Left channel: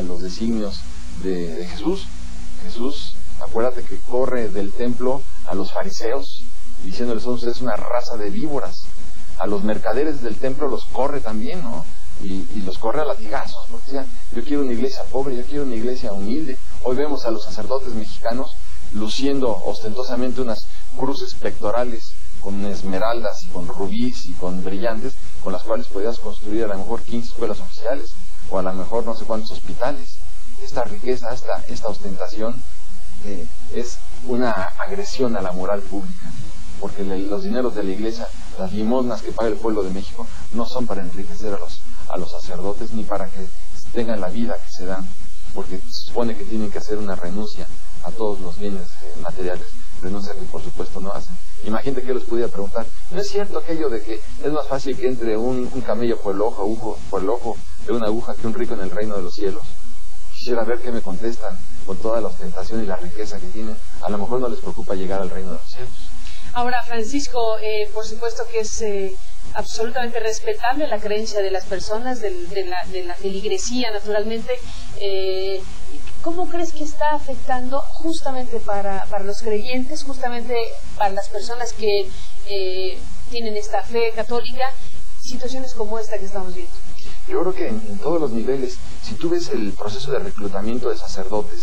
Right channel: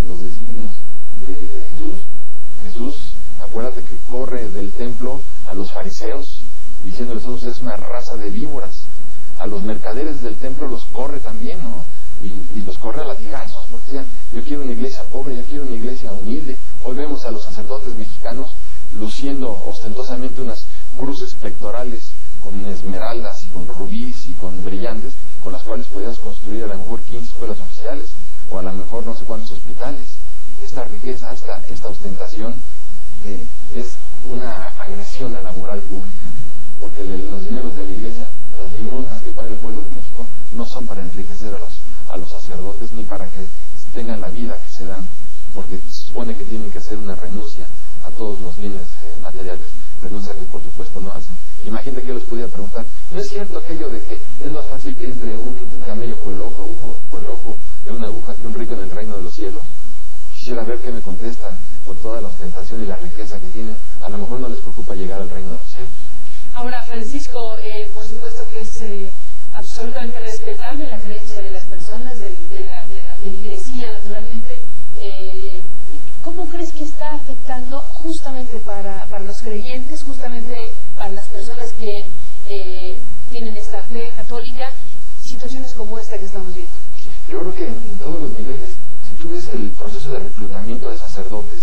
a los designios de Jesús. Jesús, acuérdate que corre del templo a los fariseos, diciéndoles: son ustedes una raza de víboras. A los mercaderes del templo los corre también, ¿no? Y los corre a latigazos, porque decían: yo quiero una iglesia pobre, yo quiero una iglesia humilde. Hoy vemos a los sacerdotes mexicanos luciendo ostentosamente unas cruces pectorales con esmeraldas y con rubíes y con brillantes, con las cuales podías construir a lo mejor 15 escuelas oficiales, o a lo mejor no sé cuántos hospitales. Esta riqueza, esta ostentación es una agresión a la moral pública, porque los dineros de la iglesia, las limosnas que paga el pueblo de México, no son para enriquecer a los sacerdotes, ni para que tengan la vida que se dan, porque se supone que tienen que hacer una renuncia a todos los bienes materiales, renuncia que por supuesto no hacen. Imagínate que yo les pudiera preguntar: ¿no es cierto aquello de que es más fácil que entre un camello por el ojo de una aguja que un rico en el reino de los cielos? Quisiera ver qué me contestan con toda la ostentación y la riqueza que tienen. A lo mejor no les preocupa llegar al reino de los cielos. Ahora, Francisco, por supuesto que es absolutamente respetable la creencia de las personas, de la feligresía, naturalmente. ¿Cómo crees que está afectando justamente para los creyentes, justamente para las personas que tienen esta fe católica, situaciones como esta que estamos viendo? Yo creo que en todos los niveles, si tú ves el proceso de reclutamiento de sacerdotes,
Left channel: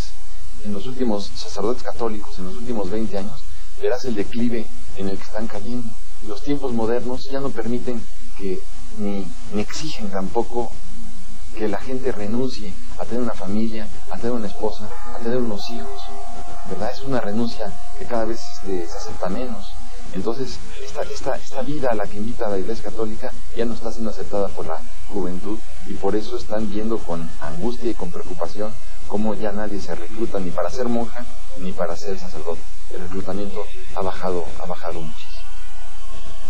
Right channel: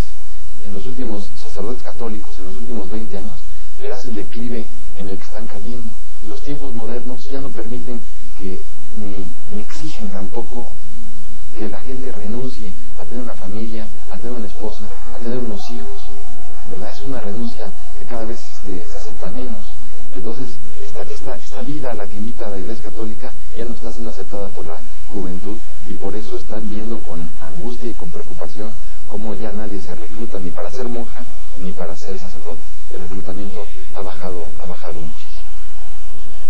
en los últimos sacerdotes católicos, en los últimos 20 años, verás el declive en el que están cayendo. Y los tiempos modernos ya no permiten que, ni exigen tampoco que la gente renuncie a tener una familia, a tener una esposa, a tener unos hijos, ¿verdad? Es una renuncia que cada vez se acepta menos. Entonces, esta vida a la que invita la Iglesia Católica ya no está siendo aceptada por la juventud, y por eso están viendo con angustia y con preocupación cómo ya nadie se recluta ni para ser monja ni para ser sacerdote. El reclutamiento ha bajado muchísimo.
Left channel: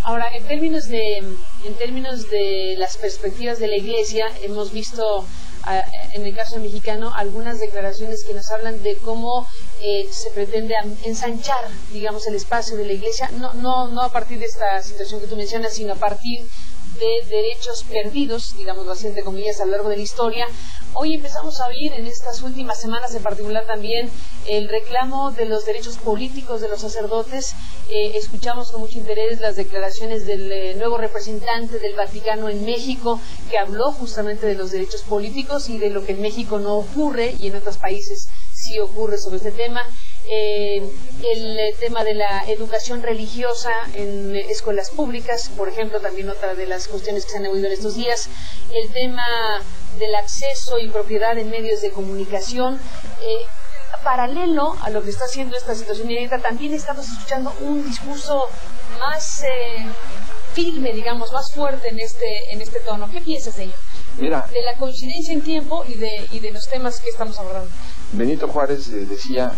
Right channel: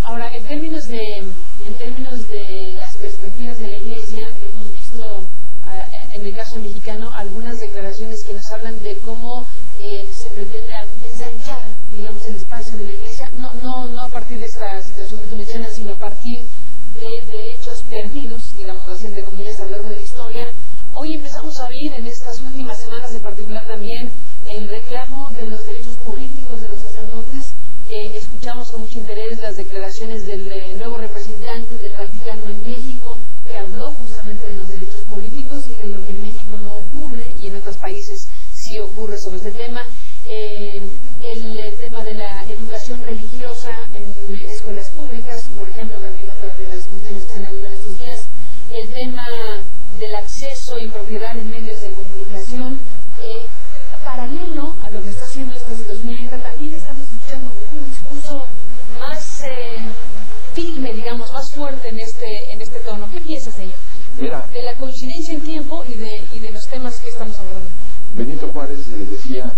Ahora, en términos de las perspectivas de la Iglesia, hemos visto en el caso mexicano algunas declaraciones que nos hablan de cómo se pretende ensanchar, digamos, el espacio de la Iglesia, no a partir de esta situación que tú mencionas, sino a partir de derechos perdidos, digamos así, entre comillas, a lo largo de la historia. Hoy empezamos a oír en estas últimas semanas en particular también el reclamo de los derechos políticos de los sacerdotes. Escuchamos con mucho interés las declaraciones del nuevo representante del Vaticano en México, que habló justamente de los derechos políticos y de lo que en México no ocurre y en otros países sí ocurre sobre este tema. El tema de la educación religiosa en escuelas públicas, por ejemplo, también otra de las cuestiones que se han oído en estos días. El tema del acceso y propiedad en medios de comunicación. Paralelo a lo que está haciendo esta situación inédita, también estamos escuchando un discurso más firme, digamos, más fuerte en este tono. ¿Qué piensas de ello? Mira, de la coincidencia en tiempo y de los temas que estamos abordando. Benito Juárez decía:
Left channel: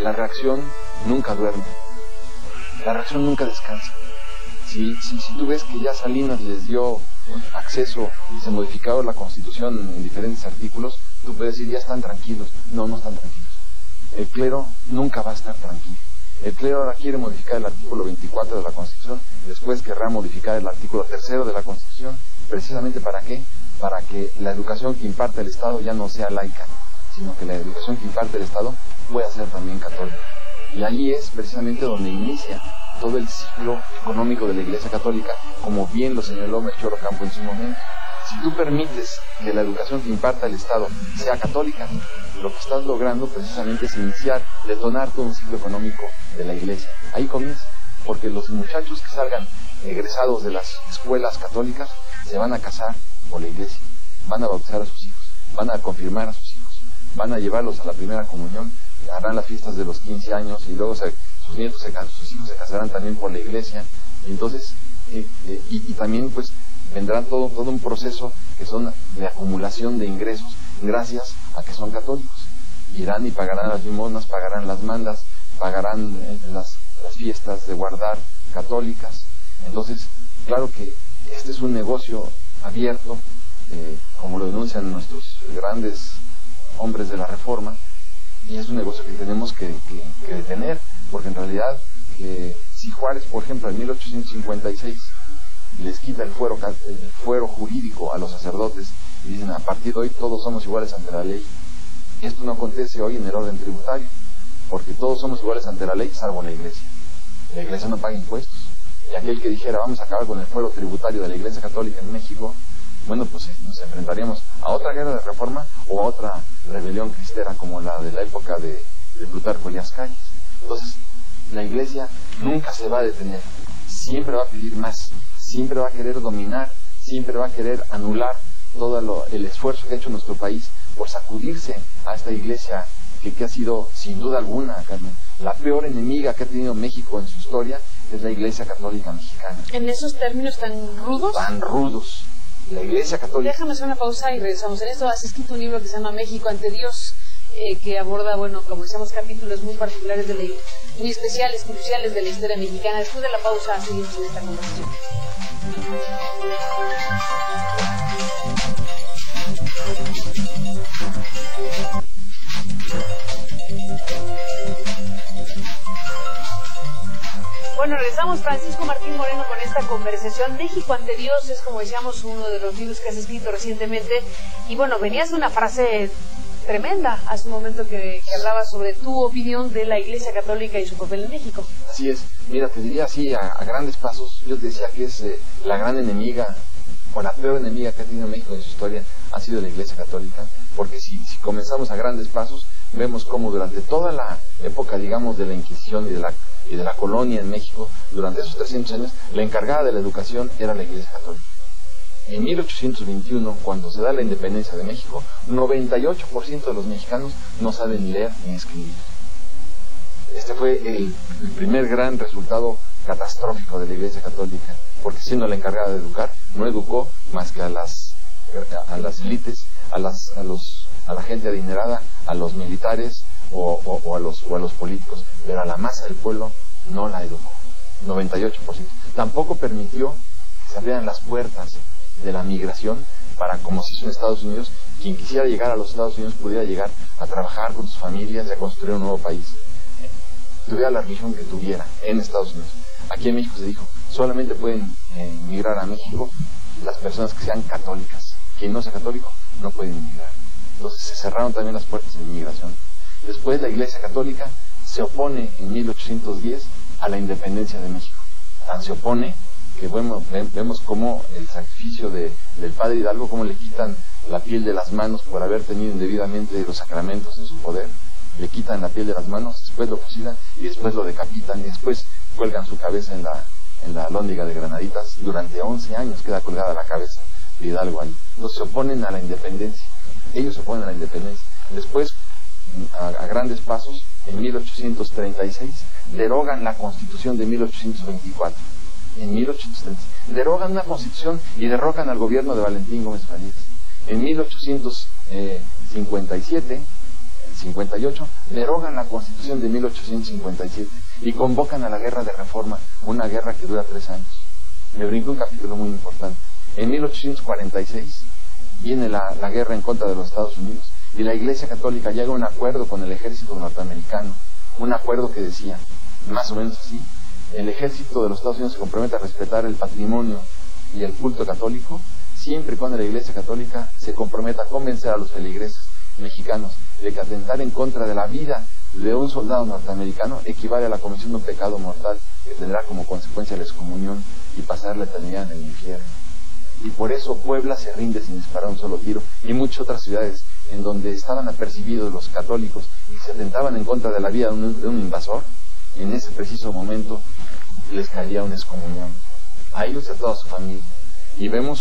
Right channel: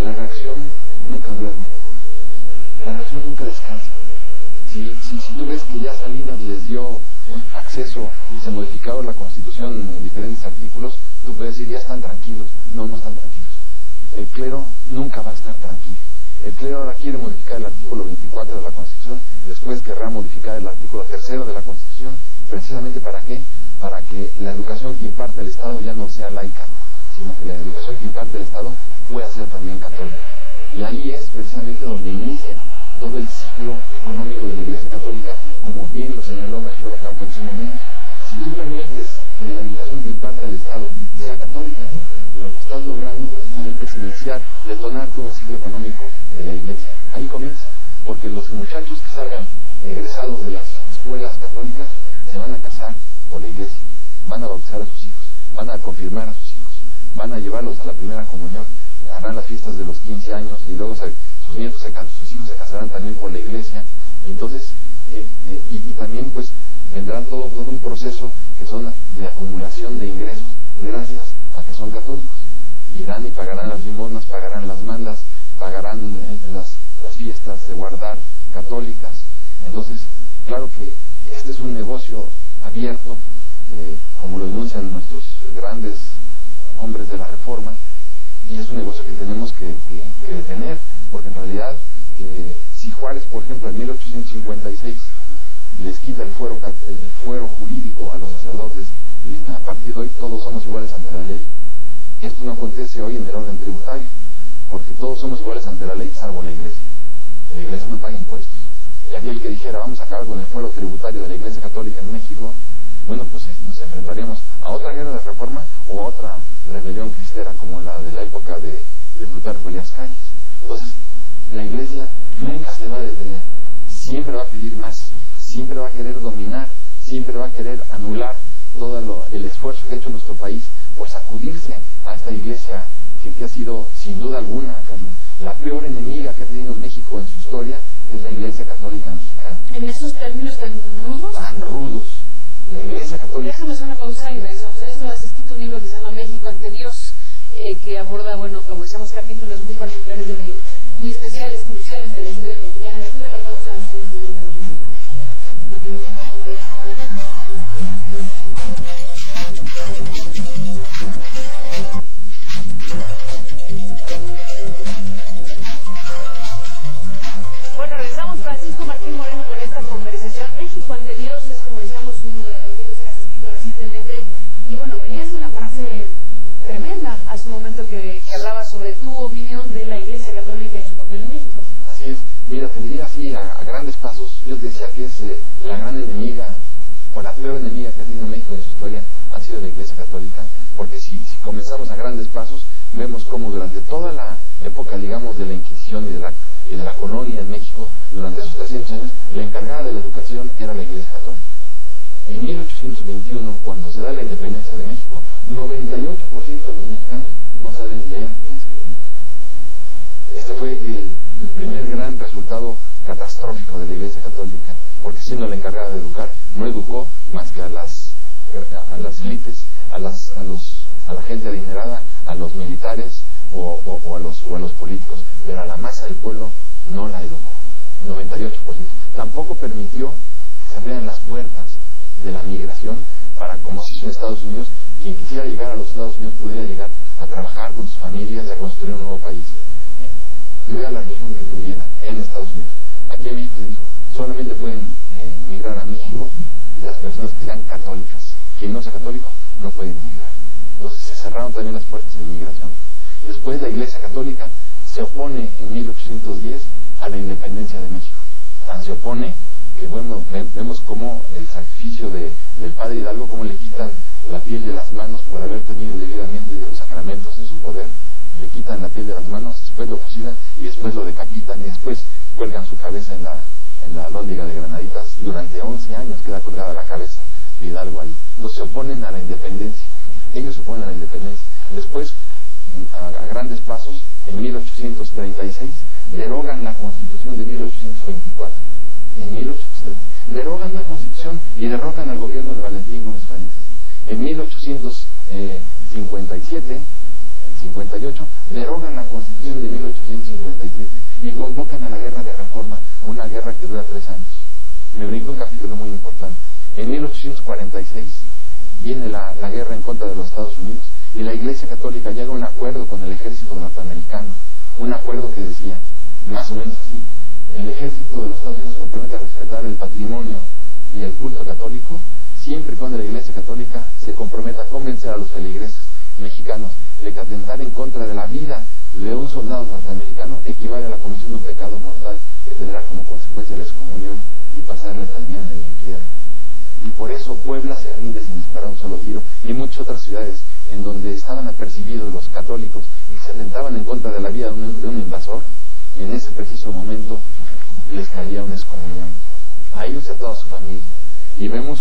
la reacción nunca duerme, la reacción nunca descansa. Si tú ves que ya Salinas les dio acceso y se modificaron la Constitución en diferentes artículos, tú puedes decir: ya están tranquilos. No están tranquilos. El clero nunca va a estar tranquilo. El clero ahora quiere modificar el artículo 24 de la Constitución, después querrá modificar el artículo 3 de la Constitución. ¿Precisamente para qué? Para que la educación que imparte el Estado ya no sea laica, sino que la educación que imparte el Estado pueda ser también católica. Y ahí es precisamente donde inicia todo el ciclo económico de la Iglesia Católica, como bien lo señaló Melchor Ocampo en su momento. Si tú permites que la educación que imparta el Estado sea católica, lo que estás logrando precisamente es detonar todo un ciclo económico de la Iglesia. Ahí comienza, porque los muchachos que salgan egresados de las escuelas católicas se van a casar por la Iglesia, van a bautizar a sus hijos, van a confirmar a sus hijos, van a llevarlos a la primera comunión, harán las fiestas de los 15 años y luego sus hijos se casarán también por la Iglesia. Y entonces y también pues vendrán todo un proceso que son de acumulación de ingresos gracias a que son católicos. Irán y pagarán las limosnas, pagarán las mandas, pagarán las fiestas de guardar católicas. Entonces, claro que este es un negocio abierto, como lo denuncian nuestros grandes hombres de la Reforma, y es un negocio que tenemos que detener, porque en realidad si Juárez, por ejemplo, en 1856 les quita el fuero jurídico a los sacerdotes y dicen: a partir de hoy todos somos iguales ante la ley, Y esto no acontece hoy en el orden tributario, porque todos somos iguales ante la ley, salvo la Iglesia. La Iglesia no paga impuestos. Y aquel que dijera, vamos a acabar con el fuero tributario de la Iglesia Católica en México, bueno, pues nos enfrentaríamos a otra guerra de reforma o a otra rebelión cristera como la de la época de Plutarco Elías Calles. Entonces, la Iglesia nunca se va a detener, siempre va a pedir más, siempre va a querer dominar, siempre va a querer anular todo el esfuerzo que ha hecho nuestro país por sacudirse a esta Iglesia que ha sido, sin duda alguna, Carmen, la peor enemiga que ha tenido México en su historia, es la Iglesia Católica Mexicana. ¿En esos términos tan rudos? Tan rudos. La Iglesia Católica. Déjame hacer una pausa y regresamos. En esto has escrito un libro que se llama México ante Dios, que aborda, bueno, como decíamos, capítulos muy particulares, muy especiales, cruciales de la historia mexicana. Después de la pausa seguimos en esta conversación. Bueno, regresamos. Francisco Martín Moreno con esta conversación. México ante Dios es, como decíamos, uno de los libros que has escrito recientemente. Y bueno, venías de una frase tremenda hace un momento que hablaba sobre tu opinión de la Iglesia Católica y su papel en México. Así es. Mira, te diría así a grandes pasos. Yo te decía que es la gran enemiga o la peor enemiga que ha tenido México en su historia ha sido la Iglesia Católica. Porque si comenzamos a grandes pasos, vemos cómo durante toda la época, digamos, de la Inquisición y de la colonia en México, durante esos 300 años, la encargada de la educación era la Iglesia Católica. En 1821, cuando se da la independencia de México, 98% de los mexicanos no saben leer ni escribir. Este fue el primer gran resultado catastrófico de la Iglesia Católica, porque siendo la encargada de educar, no educó más que a las élites, a la gente adinerada, a los militares o a los políticos, pero a la masa del pueblo no la educó. 98%. Tampoco permitió que se abrieran las puertas de la migración para, como se hizo en Estados Unidos, quien quisiera llegar a los Estados Unidos pudiera llegar a trabajar con sus familias y a construir un nuevo país, tuviera la religión que tuviera en Estados Unidos. Aquí en México se dijo, solamente pueden migrar a México las personas que sean católicas. Quien no sea católico no puede migrar. Entonces se cerraron también las puertas de inmigración. Después la Iglesia Católica se opone en 1810 a la independencia de México. Tan se opone que vemos cómo el sacrificio del padre Hidalgo, cómo le quitan la piel de las manos por haber tenido indebidamente los sacramentos en su poder, le quitan la piel de las manos, después lo fusilan y después lo decapitan y después cuelgan su cabeza en la alhóndiga de Granaditas. Durante 11 años queda colgada la cabeza de Hidalgo ahí. Entonces se oponen a la independencia, ellos se oponen a la independencia. Después, a grandes pasos, en 1836 derogan la Constitución de 1824. En 1836 derogan una Constitución y derrocan al gobierno de Valentín Gómez Farías. En 1858 derogan la Constitución de 1857 y convocan a la guerra de reforma, una guerra que dura 3 años. Me brinco un capítulo muy importante. En 1846 viene la guerra en contra de los Estados Unidos y la Iglesia Católica llega a un acuerdo con el ejército norteamericano, un acuerdo que decía, más o menos así: el ejército de los Estados Unidos se compromete a respetar el patrimonio y el culto católico, siempre y cuando la Iglesia Católica se comprometa a convencer a los feligreses mexicanos de que atentar en contra de la vida de un soldado norteamericano equivale a la comisión de un pecado mortal que tendrá como consecuencia la excomunión y pasar la eternidad en el infierno. Y por eso Puebla se rinde sin disparar un solo tiro, y muchas otras ciudades en donde estaban apercibidos los católicos y se atentaban en contra de la vida de un invasor, en ese preciso momento les caía una excomunión a ellos y a toda su familia. Y vemos